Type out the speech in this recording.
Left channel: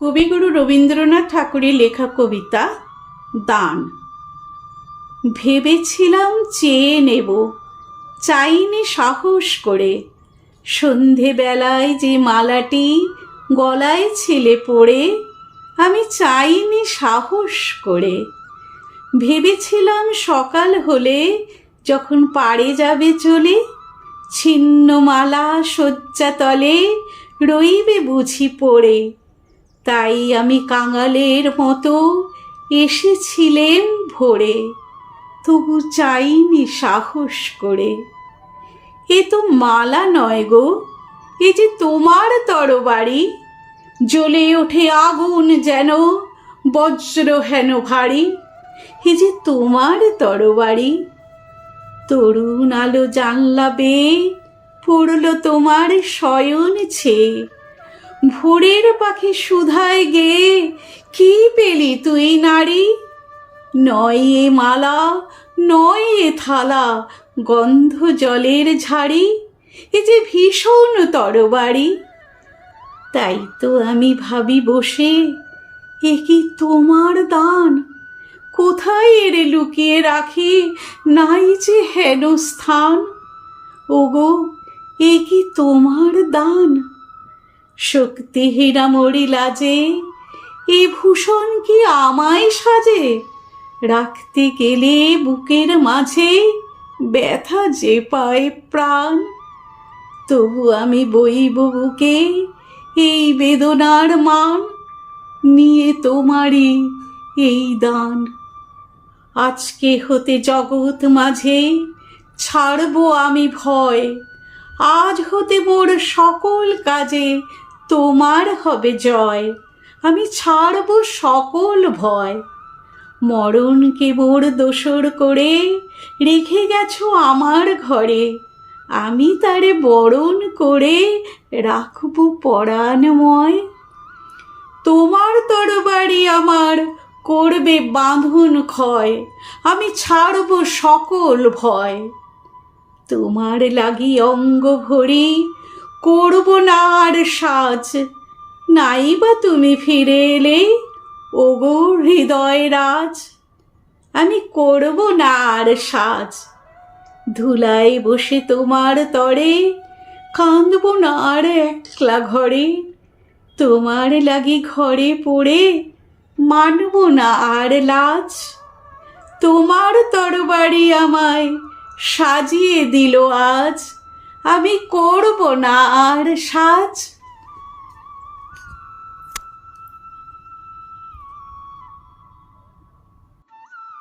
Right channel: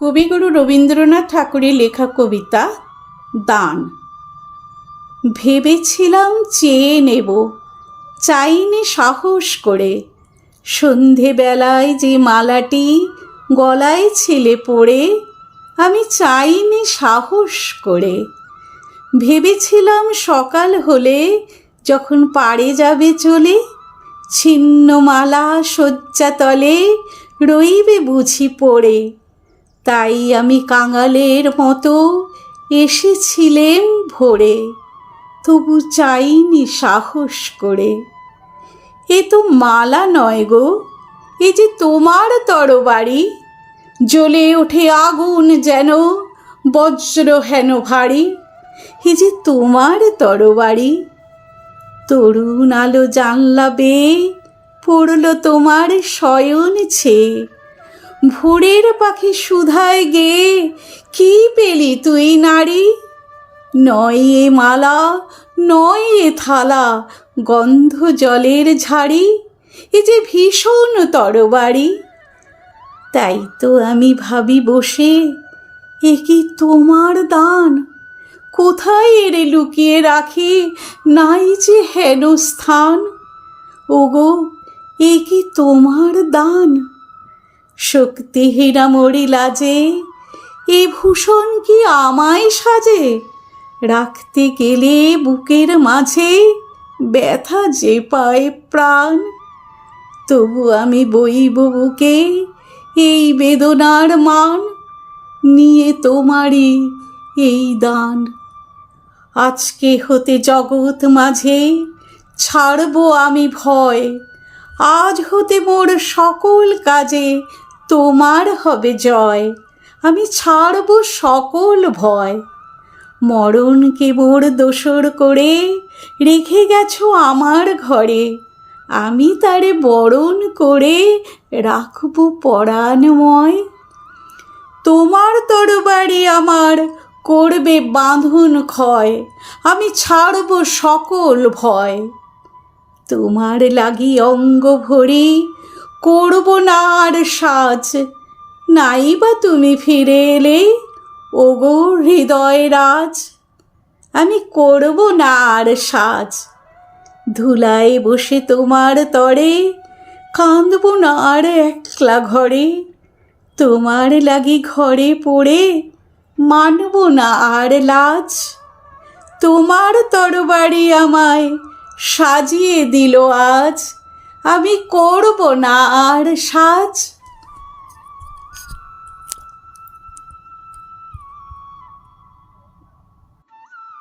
কবিগুরু রবীন্দ্রনাথ ঠাকুরের লেখা কবিতা, দান। ভেবেছিলাম চেয়ে নেব, চাইনি সাহস করে। সন্ধেবেলায় যে মালাটি গলায় ছেলে পড়ে, আমি চাইনি সাহস করে। ভেবেছিলাম সকাল হলে যখন পাড়ে যাবে চলে ছিন্ন মালা শয্যাতলে রইবে বুঝি পড়ে। তাই আমি কাঙালের মতো এসেছিলেম ভোরে, তবু চাইনি সাহস করে। এ তো মালা নয় গো, এ যে তোমার তরবারি, জ্বলে ওঠে আগুন যেন বজ্র হেন ভারী। এ যে তোমার তরবারি, তরুণ আলো জানলা বেয়ে পড়ল তোমার শয়ন ছেয়ে। ভোরের পাখি সুধায় গেয়ে কি পেলি তুই নারী? নয় এ মালা, নয় এ থালা, গন্ধ জলের ঝাড়ি, এ যে ভীষণ তরবারি। তাই তো আমি ভাবি বসে, এ কি তোমার দান? কোথায় এরে লুকিয়ে রাখি? নাই যে হেন স্থান ওগো, এ কি তোমার দান? শক্তিহীনা মরি লাজে, এ ভূষণ কি আমায় সাজে? রাখতে গেলে বুকের মাঝে ব্যথা যে পায় প্রাণ। তবু আমি বইব বুকে এই বেদনার মান, নিয়ে তোমারই এই দান। আজকে হতে জগৎ মাঝে ছাড়বো আমি ভয়, আজ হতে মোর সকল কাজে তোমার হবে জয়, আমি ছাড়বো সকল ভয়। মরণকে মোর দোসর করে রেখে গেছো আমার ঘরে, আমি তারে বরণ করে রাখব পরাণময়। তোমার তরবারি আমার করবে বাঁধন ক্ষয়, আমি ছাড়ব সকল ভয়। তোমার লাগি অঙ্গ ভরি করব না আর সাজ। নাই বা তুমি ফিরে এলে? ওগো হৃদয় রাজ, আমি করব না আর সাজ। ধুলায় বসে তোমার তরে, কাঁদব না আর একলা ঘরে। তোমার লাগি ঘরে পড়ে, মানব না আর লাজ। তোমার তরবারি আমায় সাজিয়ে দিল আজ। আমি করব না আর সাজ